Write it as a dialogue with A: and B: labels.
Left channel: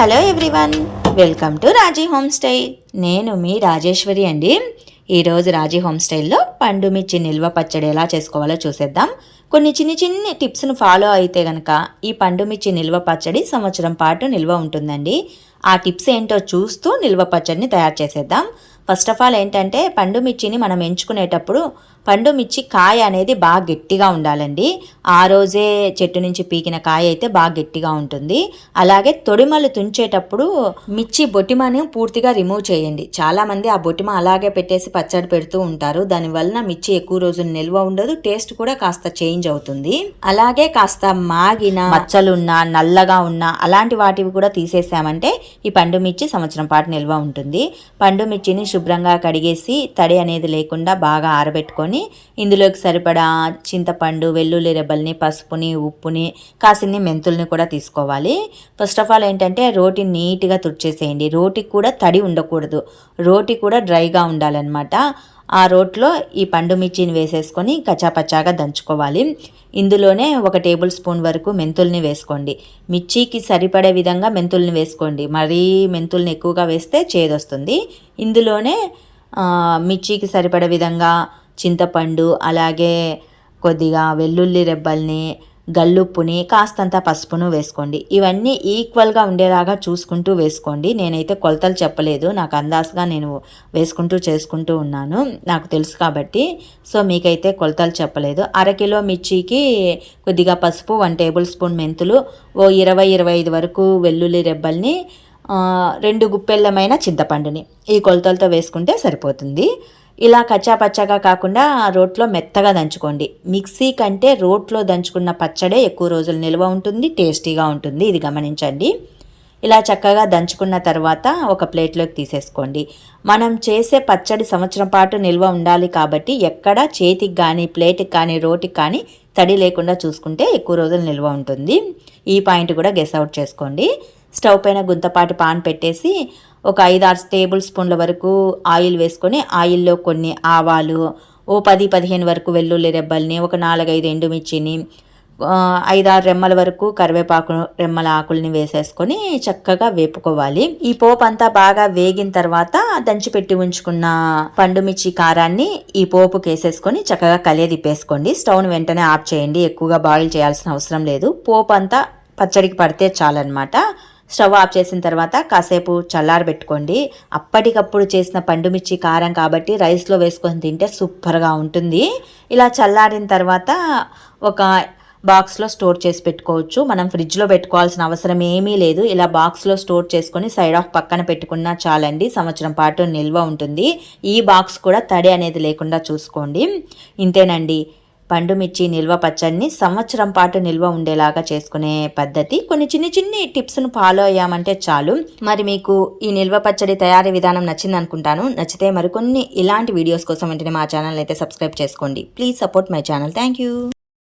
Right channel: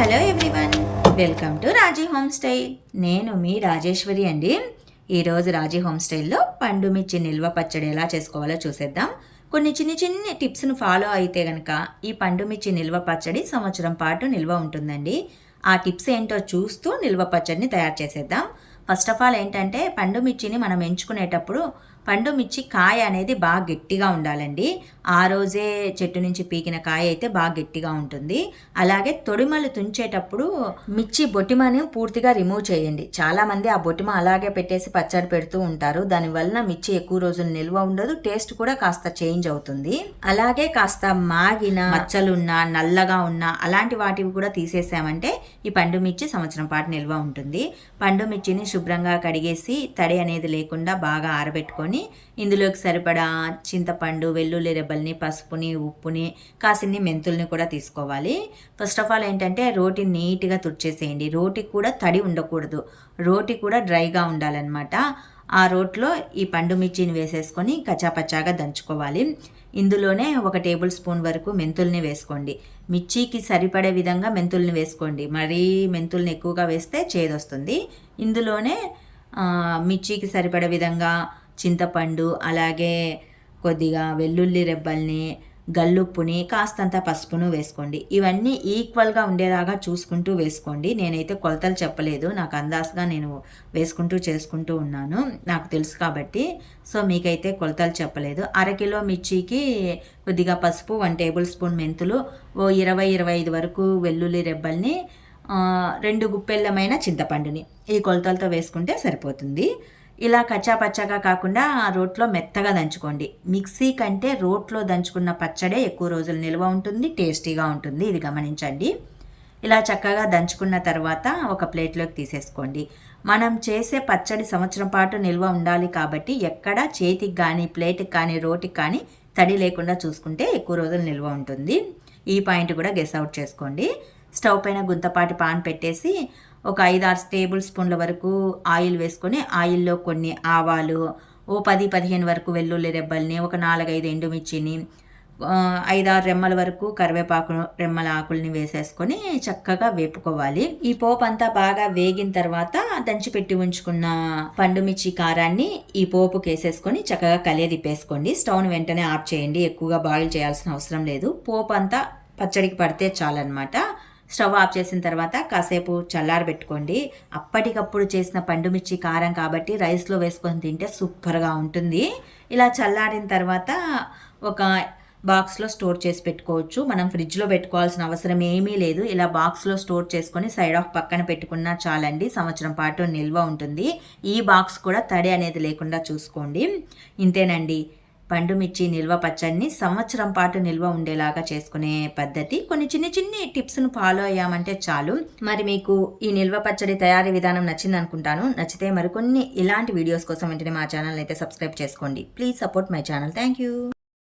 A: Hello everyone. Welcome to Raji home style. నేను మీ రాజేశ్వరి అండి. ఈరోజు రాజీ హోమ్ స్టైల్లో పండు మిర్చి నిల్వ పచ్చడి ఎలా చేసుకోవాలో చూసేద్దాం. కొన్ని చిన్ని చిన్ని టిప్స్ను ఫాలో అయితే కనుక ఈ పండు మిర్చి నిల్వ పచ్చడి సంవత్సరం పాటు నిల్వ ఉంటుందండి. ఆ టిప్స్ ఏంటో చూస్తూ నిల్వ పచ్చడిని తయారు చేసేద్దాం. ఫస్ట్ ఆఫ్ ఆల్ ఏంటంటే పండు మిర్చిని మనం ఎంచుకునేటప్పుడు పండు మిర్చి కాయ అనేది బాగా గట్టిగా ఉండాలండి. ఆ రోజే చెట్టు నుంచి పీకిన కాయ అయితే బాగా గట్టిగా ఉంటుంది. అలాగే తొడిమలు తుంచేటప్పుడు మిర్చి బొటిమని పూర్తిగా రిమూవ్ చేయండి. చాలామంది ఆ బొటిమ అలాగే పెట్టేసి పచ్చడి పెడుతూ ఉంటారు. దానివలన మిర్చి ఎక్కువ రోజులు నిల్వ ఉండదు. టేస్ట్ కూడా కాస్త చేంజ్ అవుతుంది. అలాగే కాస్త మాగిన మచ్చలున్నా నల్లగా ఉన్న అలాంటి వాటివి కూడా తీసేసామంటే ఈ పండు మిర్చి సంవత్సరం పాటు నిల్వ ఉంటుంది. పండు మిర్చిని శుభ్రంగా కడిగేసి తడి అనేది లేకుండా బాగా ఆరబెట్టుకొని ఇందులోకి సరిపడా చింతపండు వెల్లుల్లి రెబ్బల్ని పసుపుని ఉప్పుని కాసిన్ని మెంతుల్ని కూడా తీసుకోవాలి. ఫస్ట్ ఆఫ్ ఆల్ ఏంటంటే రోటి నీట్గా తుడిచేసేయండి. రోటికి కూడా తడి ఉండకూడదు. రోటి కూడా డ్రైగా ఉండాలన్నమాట. ఆ రోట్లో ఈ పండు మిర్చిని వేసేసుకొని కచ్చాపచ్చాగా దంచుకోవాలి. ఇందులోనే ఒక టేబుల్ స్పూన్ వరకు మెంతుల్ని వేసుకోండి. మిర్చికి సరిపడే విధంగా మెంతుల్ని వేసుకోండి. మరీ మెంతుల్ని ఎక్కువగా వేస్తే చేదొస్తుంది. ఇందులోనే మిర్చికి సరిపడే విధంగా చింతపండు అలాగే కొద్దిగా వెల్లుల్లి రెబ్బల్ని గల్లుప్పుని కాస్తంత పసుపును వేసుకోండి. ఇవన్నీ ఈక్వల్గా ఉండేలాగా చూసుకుంటూ వేసుకోండి. నేనైతే కొలతలు చెప్పలేదు. నాకు అందాజుగా నేను వేసుకుంటూ చేసుకుంటూ ఉన్నాను. నాకు తెలుసు కాబట్టి. సో మీకైతే కొలతలు చెప్పలేదు. అరకిలో మిర్చికి కొద్దిగా పసుపు వన్ టేబుల్ స్పూన్ మెంతులు ఓ ఇరవై ఇరవై ఐదు వరకు వెల్లుల్లి రెబ్బల్ని రెండు గుప్పెళ్ళమైన చింతపండుని ఈ కొలతలతో వేసుకుంటే సరిపోతుంది. ఇలా కచ్చాపచ్చగా కాకుండా రోట్లో మెత్తగా దంచుకోండి. మిక్సీ కంటే రోట్లో దంచుకున్న పచ్చడే ఎక్కువ రోజులు నిల్వ ఉంటుంది టేస్టీగా ఉంటుంది. ఇది గమనించండి. ఇలా చక్కగా దంచుకున్న తర్వాత ఒక ప్లేట్లోకి తీసేసుకోండి. మనం చేసే పచ్చడి సంవత్సరం పాటు నిల్వ ఉండాలి కాబట్టి ఎక్కడ చేతికి కానీ ప్లేట్కి కానీ రోటికి కానీ తడి లేకుండా చూసుకుంటే ఎక్కువ రోజులు నిల్వ ఉంటుంది. ఈ పాయింట్ కూడా గెస్ అవుట్ చేసుకోండి. స్టవ్ పైన గుంతపాటి పాన్ పెట్టేసి ఒక ఐదు ఆరు టేబుల్ స్పూన్ల వరకు ఆయిల్ వేసుకొని ఆయిల్లో కొన్ని ఆవాలు ఓ పది పదిహేను వరకు వెల్లుల్లి రెబ్బల్ని ఒక నాలుగైదు ఎండుమిర్చిని ఐదారు రెమ్మల వరకు కరివేపాకు రెమ్మల ఆకుల్ని వేసేసుకొని చక్కగా వేపుకోవాలి. ఈ పోపు అంతా బాగా వేగిన తర్వాత దంచిపెట్టి ఉంచుకున్న పండుమిర్చి కారాన్ని ఈ పోపుకి వేసేసుకొని చక్కగా కలియదిప్పేసుకోండి స్టవ్ని వెంటనే ఆఫ్ చేయండి. ఎక్కువగా బాయిల్ చేయాల్సిన అవసరం లేదు. పోపు అంతా పచ్చడికి పడితే చాలన్నమాట. స్టవ్ ఆఫ్ చేసిన తర్వాత కాసేపు చల్లారబెట్టుకోండి అప్పటికప్పుడు చేసిన పండుమిర్చి కారం కాబట్టి రైస్లో వేసుకొని తింటే సూపర్గా ఉంటుంది. ఇలా చల్లారిన తర్వాత ఒక బాక్స్లో స్టోర్ చేసి పెట్టుకోవచ్చు. మనం ఫ్రిడ్జ్లో పెట్టుకోవాల్సిన అవసరం ఏమీ లేదు. ఇలా బాక్స్లో స్టోర్ చేసుకొని సైడ్ ఆఫ్ పక్కన పెట్టుకున్నా చాలండి. సంవత్సరం పాటు నిల్వ ఉంటుంది. ఈ బాక్స్ కూడా తడి అనేది లేకుండా చూసుకోండి. ఇంతేనండి. పండు మిర్చి నిల్వ పచ్చడిని సంవత్సరం పాటు నిల్వ ఉండేలాగా చేసుకునే పద్ధతి. కొన్ని చిన్ని చిన్ని టిప్స్ను ఫాలో అయ్యామంటే చాలు. మరి మీకు ఈ నిల్వ పచ్చడి తయారీ విధానం నచ్చింది అనుకుంటాను. నచ్చితే మరికొన్ని ఇలాంటి వీడియోస్ కోసం వెంటనే మా ఛానల్ అయితే సబ్స్క్రైబ్ చేసుకోండి. Please support my channel. Thank you